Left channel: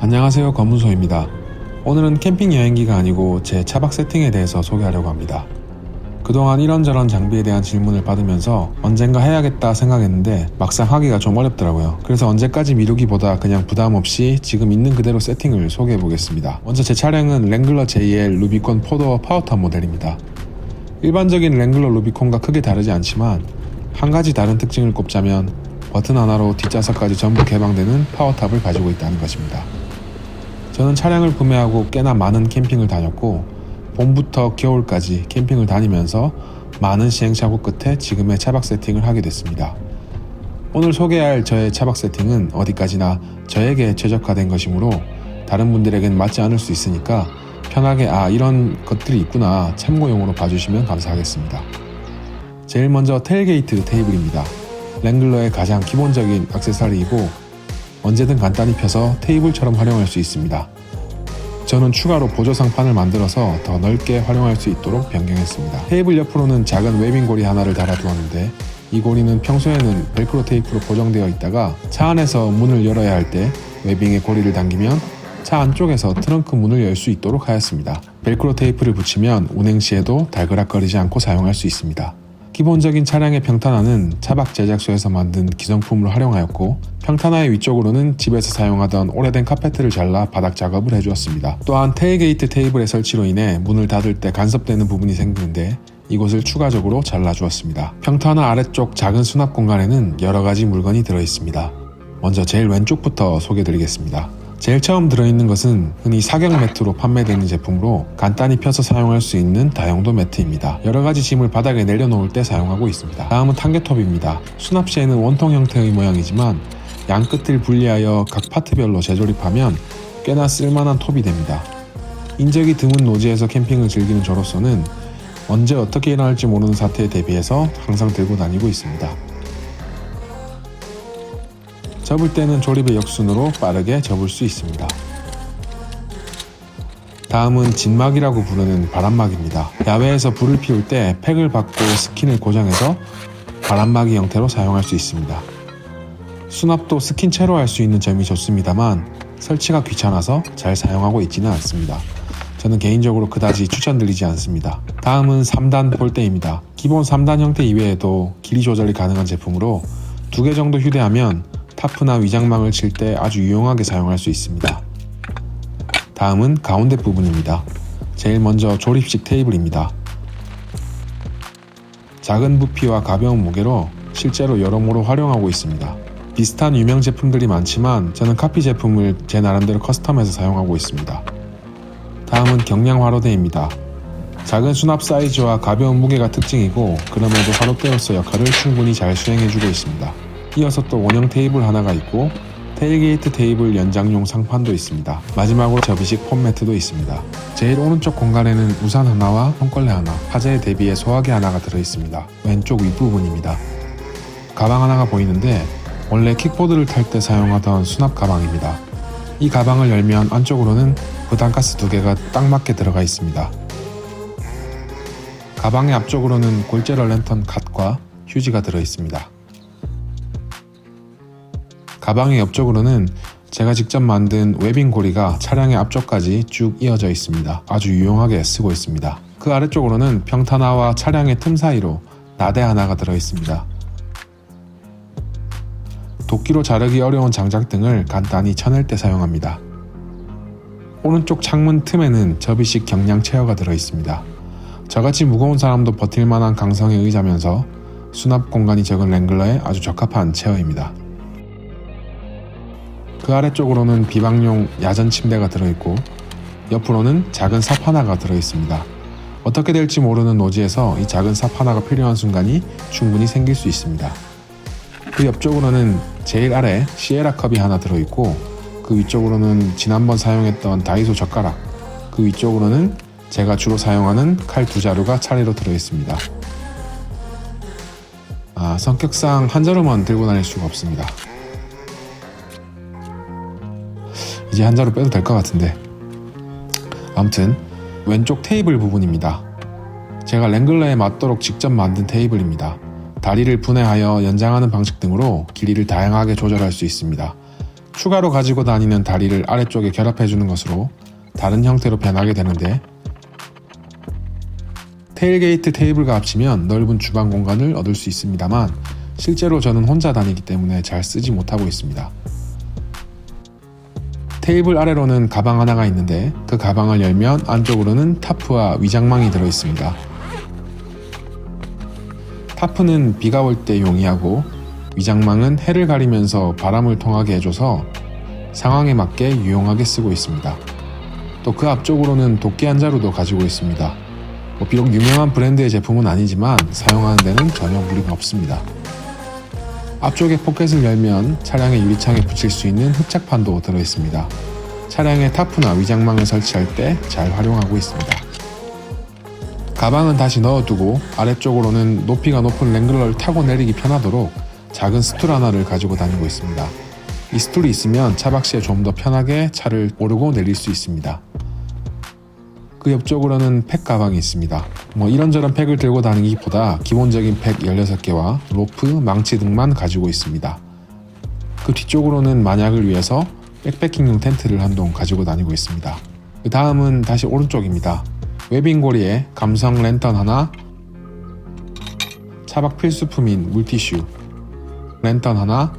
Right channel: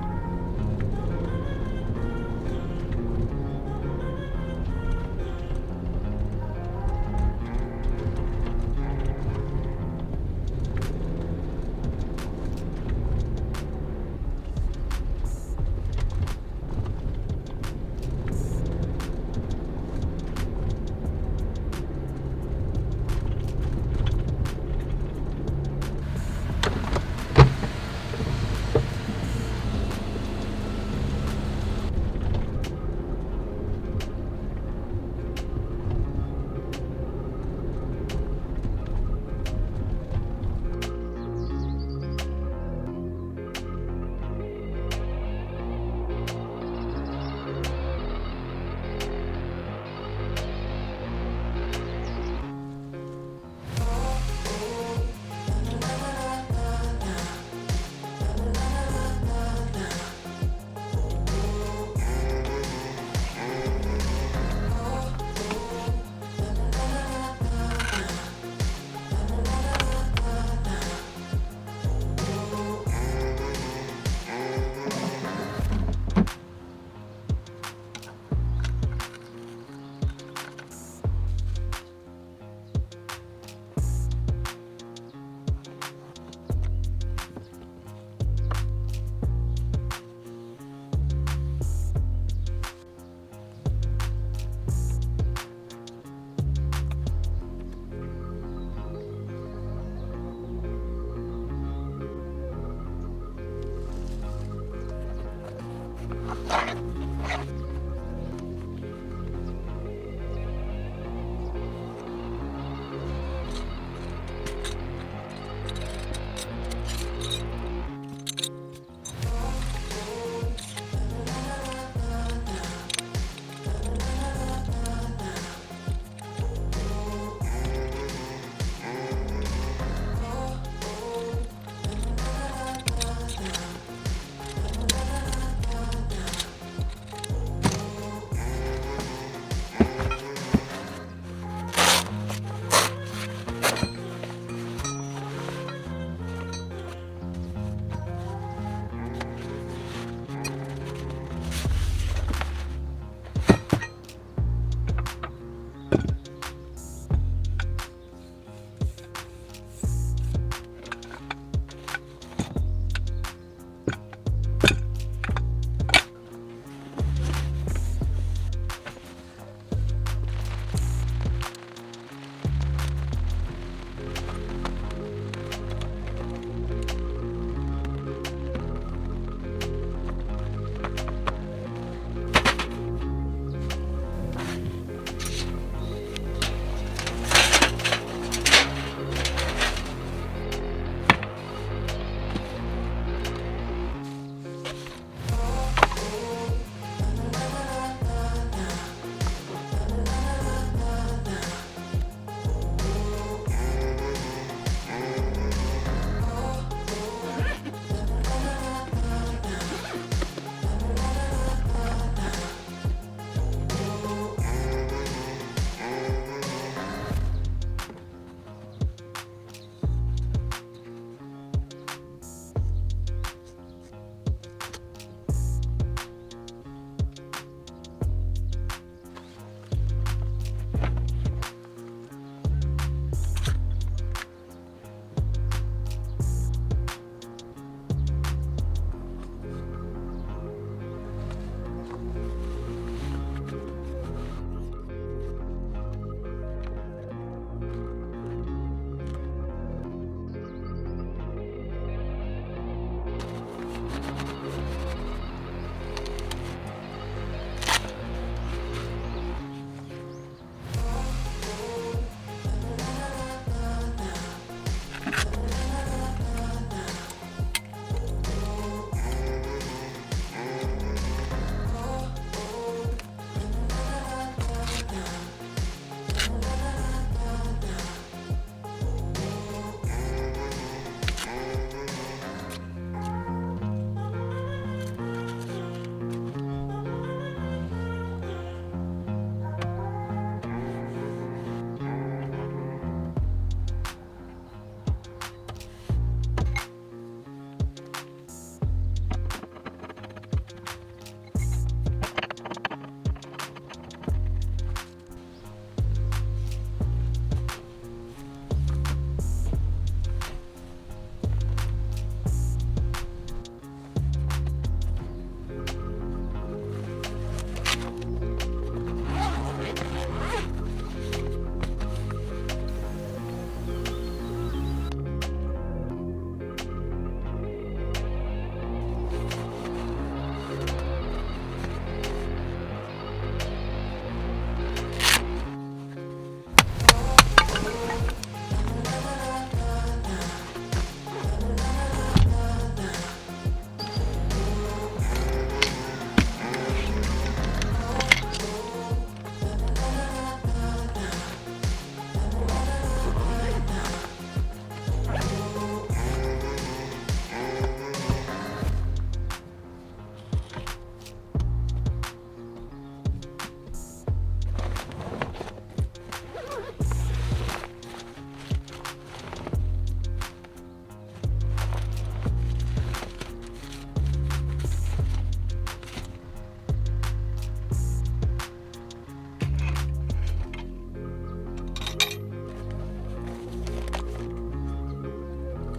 안녕하세요, 검문소입니다. 오늘은 캠핑 여행기가 아니고 제 차박 세팅에 대해서 소개하려고 합니다. 그동안 이런저런 장비에 대한 질문을 받으면서 언젠가 해야겠다 생각했는데 막상 하기가 좀 어렵더라고요. 그래서 언제까지 미루기보다 그냥 부담 없이 지금 있는 그대로 세팅을 소개해 보겠습니다. 먼저 제 차량은 랭글러 JL 루비콘 4도어 파워탑 모델입니다. 일반적인 랭글러 루비콘과 크게 다르지 않지만 한 가지 다른 특징을 꼽자면 버튼 하나로 뒷좌석까지 전부 개방되는 파워탑을 가지고 있다는 것입니다. 저는 차량을 구매하고 꽤나 많은 캠핑을 다녔고 봄부터 겨울까지 캠핑을 다니면서 많은 시행착오 끝에 지금의 차박 세팅을 하게 됐습니다. 오늘 소개할 저의 차박 세팅은 어디까지나 저에게 최적화된 것이므로 다른 분들에겐 맞지 않을 수 있으니까 편하게 이런 것들이 있구나 참고용으로 봐주시면 감사하겠습니다. 제일 먼저 테일게이트 테이블입니다. 랭글러의 가장 기본적인 액세서리이고 언제든 간단히 펴서 테이블처럼 활용할 수 있습니다. 저는 추가로 보조상판을 만들어서 더 넓게 활용할 수 있도록 변경했습니다. 테이블 옆으로는 작은 웨빙 고리 하나를 달아두었는데 이 고리는 평소에는 벨크로 테이프로 고정되어 있다가 차 안에서 문을 열어야 할 때 웨빙에 고리를 당기면 차 안쪽에서 트렁크 문을 열 수 있도록 하였습니다. 벨크로 테이프를 붙이면 운행 시에도 달그락거리지 않고 사용할 수 있습니다. 기본적인 차량의 평탄화는 차박 제작소에서 만든 기성품을 활용하였고 평탄화의 위쪽으로는 집에서 사용하던 오래된 카페트를 잘라 바닥 작업을 해주었습니다. 또한 테일게이트 테이블의 설치로 인해 문을 닫을 때 간섭되는 부분이 생기는데 이곳을 추가적으로 잘라주었습니다. 평탄화 아래쪽 작은 수납 공간에는 여러가지 물건이 들어있습니다. 먼저 제일 왼쪽부터 소개드리겠습니다. 제일 처음 들어있는 것은 흔히 사경 매트로 판매되는 제품으로 간단히 펴서 사용할 수 있는 다용도 매트입니다. 여러가지 짐을 바닥에 내려놓을 때 사용하고 있습니다. 다음은 탄개톱입니다. 수납 시에는 원통 형태의 모양이지만 양 끝을 분리하여 각 파트별로 재조립하면 꽤나 쓸만한 톱이 됩니다. 인적이 드문 노지에서 캠핑을 즐기는 저로서는 언제 어떻게 일어날지 모르는 사태에 대비해서 항상 들고 다니고 있습니다. 접을 때는 조립의 역순으로 빠르게 접을 수 있습니다. 다음은 진막이라고 부르는 바람막입니다. 야외에서 불을 피울 때 팩을 받고 스킨을 고정해서 바람막이 형태로 사용할 수 있습니다. 수납도 스킨 채로 할 수 있는 점이 좋습니다만 설치가 귀찮아서 잘 사용하고 있지는 않습니다. 저는 개인적으로 그다지 추천드리지 않습니다. 다음은 3단 폴대입니다. 기본 3단 형태 이외에도 길이 조절이 가능한 제품으로 2개 정도 휴대하면 타프나 위장망을 칠 때 아주 유용하게 사용할 수 있습니다. 다음은 가운데 부분입니다. 제일 먼저 조립식 테이블입니다. 작은 부피와 가벼운 무게로 실제로 여러모로 활용하고 있습니다. 비슷한 유명 제품들이 많지만 저는 카피 제품을 제 나름대로 커스텀해서 사용하고 있습니다. 다음은 경량 화로대입니다. 작은 수납 사이즈와 가벼운 무게가 특징이고 그럼에도 화로대로서 역할을 충분히 잘 수행해주고 있습니다. 이어서 또 원형 테이블 하나가 있고 테일게이트 테이블 연장용 상판도 있습니다. 마지막으로 접이식 폼매트도 있습니다. 제일 오른쪽 공간에는 우산 하나와 손걸레 하나, 화재에 대비해 소화기 하나가 들어있습니다. 왼쪽 윗부분입니다. 가방 하나가 보이는데 원래 킥보드를 탈 때 사용하던 수납 가방입니다. 이 가방을 열면 안쪽으로는 부탄가스 2개가 딱 맞게 들어가 있습니다. 가방의 앞쪽으로는 골제러 랜턴 갓과 휴지가 들어있습니다. 가방의 옆쪽으로는 제가 직접 만든 웨빙 고리가 차량의 앞쪽까지 쭉 이어져 있습니다. 아주 유용하게 쓰고 있습니다. 그 아래쪽으로는 평탄화와 차량의 틈 사이로 나대 하나가 들어있습니다. 도끼로 자르기 어려운 장작 등을 간단히 쳐낼 때 사용합니다. 오른쪽 창문 틈에는 접이식 경량 체어가 들어있습니다. 저같이 무거운 사람도 버틸만한 강성의 의자면서 수납 공간이 적은 랭글러에 아주 적합한 체어입니다. 그 아래쪽으로는 비방용 야전 침대가 들어있고 옆으로는 작은 삽 하나가 들어있습니다. 어떻게 될지 모르는 노지에서 이 작은 삽 하나가 필요한 순간이 충분히 생길 수 있습니다. 그 옆쪽으로는 제일 아래 시에라 컵이 하나 들어있고 그 위쪽으로는 지난번 사용했던 다이소 젓가락, 그 위쪽으로는 제가 주로 사용하는 칼 2자루가 차례로 들어있습니다. 성격상 한 자루만 들고 다닐 수가 없습니다. 이제 한 자루 빼도 될 것 같은데 아무튼 왼쪽 테이블 부분입니다. 제가 랭글러에 맞도록 직접 만든 테이블입니다. 다리를 분해하여 연장하는 방식 등으로 길이를 다양하게 조절할 수 있습니다. 추가로 가지고 다니는 다리를 아래쪽에 결합해주는 것으로 다른 형태로 변하게 되는데, 테일게이트 테이블과 합치면 넓은 주방 공간을 얻을 수 있습니다만 실제로 저는 혼자 다니기 때문에 잘 쓰지 못하고 있습니다. 테이블 아래로는 가방 하나가 있는데 그 가방을 열면 안쪽으로는 타프와 위장망이 들어있습니다. 타프는 비가 올 때 용이하고 위장망은 해를 가리면서 바람을 통하게 해줘서 상황에 맞게 유용하게 쓰고 있습니다. 또 그 앞쪽으로는 도끼 한 자루도 가지고 있습니다. 비록 유명한 브랜드의 제품은 아니지만 사용하는 데는 전혀 무리가 없습니다. 앞쪽에 포켓을 열면 차량의 유리창에 붙일 수 있는 흡착판도 들어있습니다. 차량의 타프나 위장망을 설치할 때 잘 활용하고 있습니다. 가방은 다시 넣어두고 아래쪽으로는 높이가 높은 랭글러를 타고 내리기 편하도록 작은 스툴 하나를 가지고 다니고 있습니다. 이 스툴이 있으면 차박시에 좀 더 편하게 차를 오르고 내릴 수 있습니다. 그 옆쪽으로는 팩 가방이 있습니다. 이런저런 팩을 들고 다니기보다 기본적인 팩 16개와 로프, 망치 등만 가지고 있습니다. 그 뒤쪽으로는 만약을 위해서 백패킹용 텐트를 한 동 가지고 다니고 있습니다. 그 다음은 다시 오른쪽입니다. 웨빙고리에 감성 랜턴 하나, 차박 필수품인 물티슈, 랜턴 하나,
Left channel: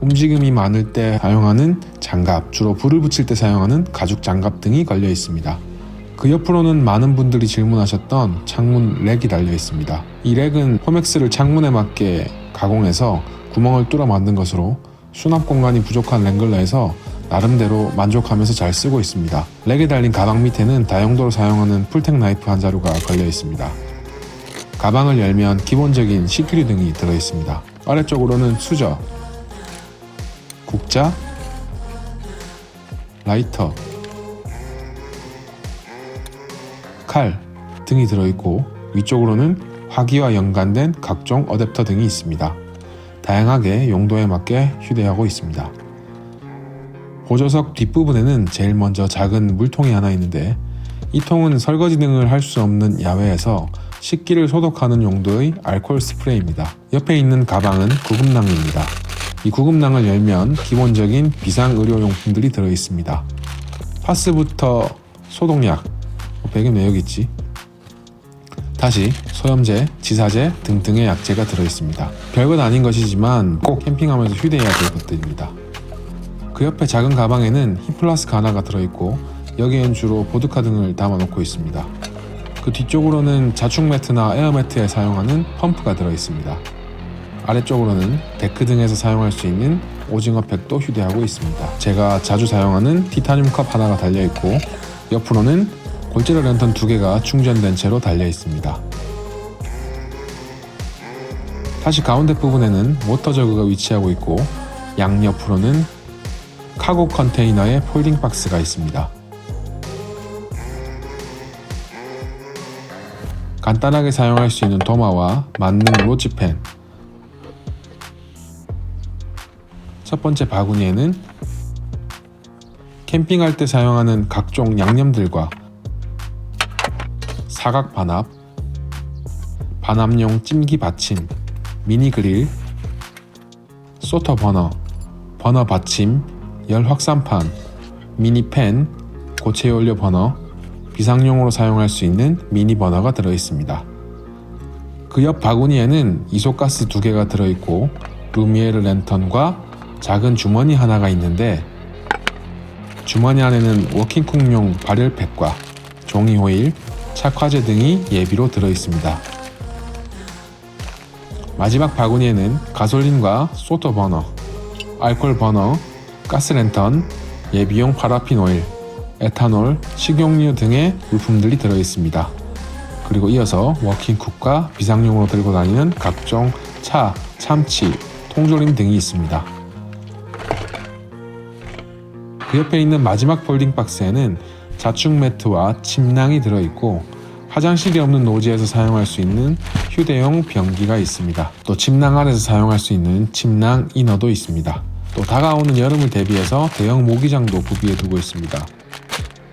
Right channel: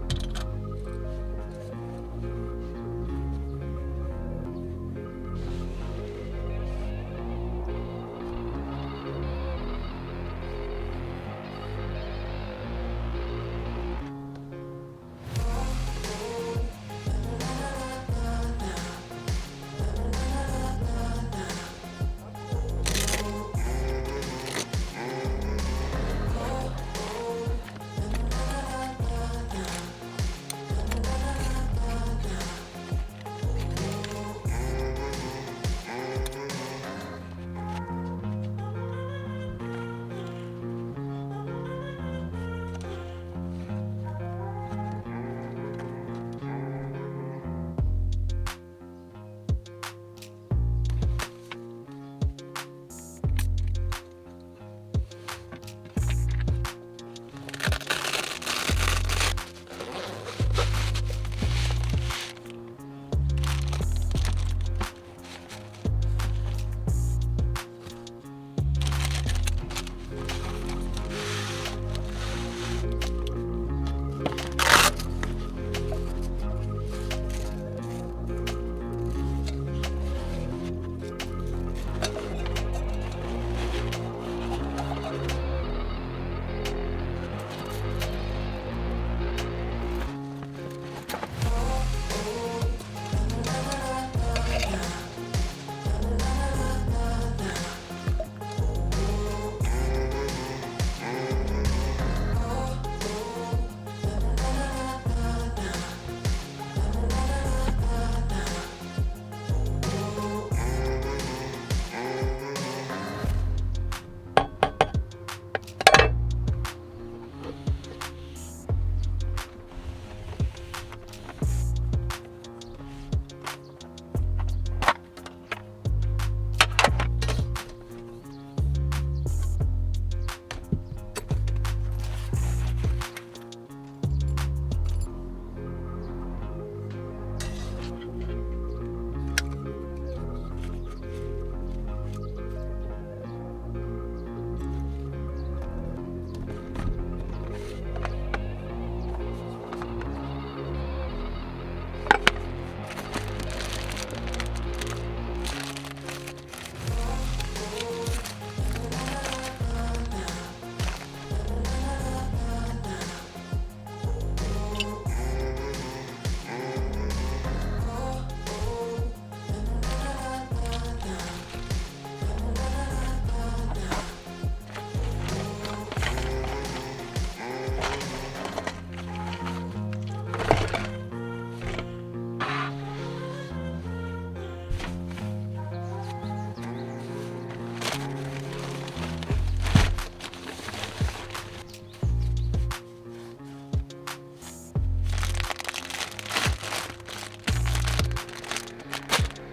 움직임이 많을 때 사용하는 장갑, 주로 불을 붙일 때 사용하는 가죽 장갑 등이 걸려 있습니다. 그 옆으로는 많은 분들이 질문하셨던 창문 렉이 달려 있습니다. 이 렉은 포맥스를 창문에 맞게 가공해서 구멍을 뚫어 만든 것으로 수납 공간이 부족한 랭글러에서 나름대로 만족하면서 잘 쓰고 있습니다. 렉에 달린 가방 밑에는 다용도로 사용하는 풀텍 나이프 한 자루가 걸려 있습니다. 가방을 열면 기본적인 CQ류 등이 들어 있습니다. 아래쪽으로는 수저, 국자, 라이터, 칼 등이 들어있고 위쪽으로는 화기와 연관된 각종 어댑터 등이 있습니다. 다양하게 용도에 맞게 휴대하고 있습니다. 보조석 뒷부분에는 제일 먼저 작은 물통이 하나 있는데 이 통은 설거지 등을 할 수 없는 야외에서 식기를 소독하는 용도의 알코올 스프레이입니다. 옆에 있는 가방은 구급낭입니다. 이 구급낭을 열면 기본적인 비상의료용품들이 들어있습니다. 파스부터 소독약, 배경은 왜 여기 있지? 다시 소염제, 지사제 등등의 약재가 들어있습니다. 별것 아닌 것이지만 꼭 캠핑하면서 휴대해야 될 것들입니다. 그 옆에 작은 가방에는 힙플라스크 하나가 들어있고 여기엔 주로 보드카 등을 담아놓고 있습니다. 그 뒤쪽으로는 자축 매트나 에어 매트에 사용하는 펌프가 들어있습니다. 아래쪽으로는 데크 등에서 사용할 수 있는 오징어 팩도 휴대하고 있습니다. 제가 자주 사용하는 티타늄 컵 하나가 달려있고 옆으로는 골재료 랜턴 2개가 충전된 채로 달려 있습니다. 다시 가운데 부분에는 워터 저그가 위치하고 있고 양옆으로는 카고 컨테이너의 폴딩 박스가 있습니다. 간단하게 사용할 수 있는 도마와 맞는 로즈펜, 첫 번째 바구니에는 캠핑할 때 사용하는 각종 양념들과 사각 반합, 반합용 찜기 받침, 미니 그릴, 소터 버너, 버너 받침, 열 확산판, 미니 팬, 고체 연료 버너, 비상용으로 사용할 수 있는 미니 버너가 들어있습니다. 그 옆 바구니에는 이소가스 2개가 들어있고 루미에르 랜턴과 작은 주머니 하나가 있는데 주머니 안에는 워킹쿡용 발열팩과 종이 호일, 착화제 등이 예비로 들어있습니다. 마지막 바구니에는 가솔린과 소터 버너, 알코올 버너, 가스랜턴, 예비용 파라핀 오일, 에탄올, 식용유 등의 부품들이 들어있습니다. 그리고 이어서 워킹쿡과 비상용으로 들고 다니는 각종 차, 참치, 통조림 등이 있습니다. 그 옆에 있는 마지막 폴딩 박스에는 자축 매트와 침낭이 들어있고 화장실이 없는 노지에서 사용할 수 있는 휴대용 변기가 있습니다. 또 침낭 안에서 사용할 수 있는 침낭 이너도 있습니다. 또 다가오는 여름을 대비해서 대형 모기장도 구비해 두고 있습니다.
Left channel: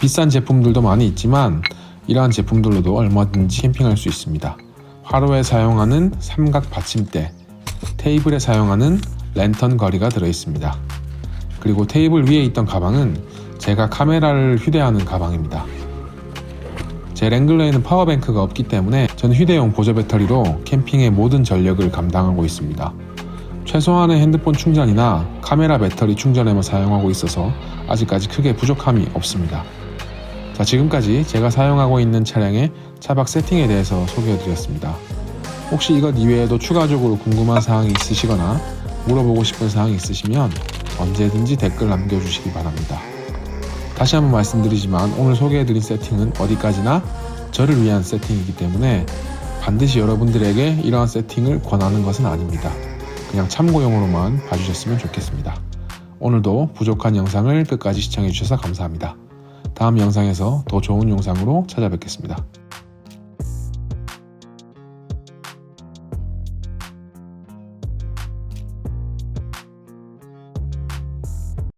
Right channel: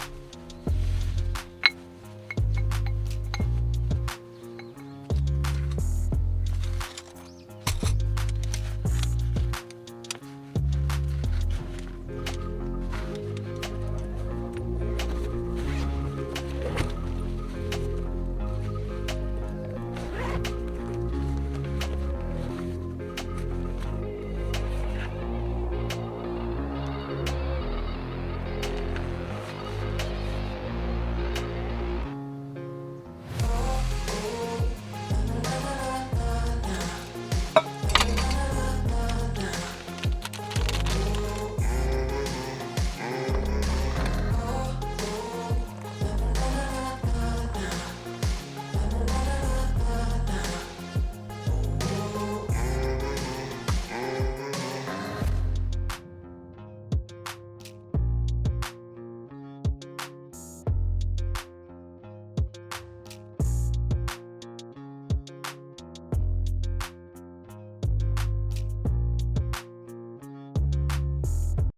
비싼 제품들도 많이 있지만 이러한 제품들로도 얼마든지 캠핑할 수 있습니다. 화로에 사용하는 삼각 받침대, 테이블에 사용하는 랜턴 거리가 들어있습니다. 그리고 테이블 위에 있던 가방은 제가 카메라를 휴대하는 가방입니다. 제 랭글러에는 파워뱅크가 없기 때문에 저는 휴대용 보조 배터리로 캠핑의 모든 전력을 감당하고 있습니다. 최소한의 핸드폰 충전이나 카메라 배터리 충전에만 사용하고 있어서 아직까지 크게 부족함이 없습니다. 자, 지금까지 제가 사용하고 있는 차량의 차박 세팅에 대해서 소개해드렸습니다. 혹시 이것 이외에도 추가적으로 궁금한 사항이 있으시거나 물어보고 싶은 사항이 있으시면 언제든지 댓글 남겨주시기 바랍니다. 다시 한번 말씀드리지만 오늘 소개해드린 세팅은 어디까지나 저를 위한 세팅이기 때문에 반드시 여러분들에게 이러한 세팅을 권하는 것은 아닙니다. 그냥 참고용으로만 봐주셨으면 좋겠습니다. 오늘도 부족한 영상을 끝까지 시청해주셔서 감사합니다. 다음 영상에서 더 좋은 영상으로 찾아뵙겠습니다.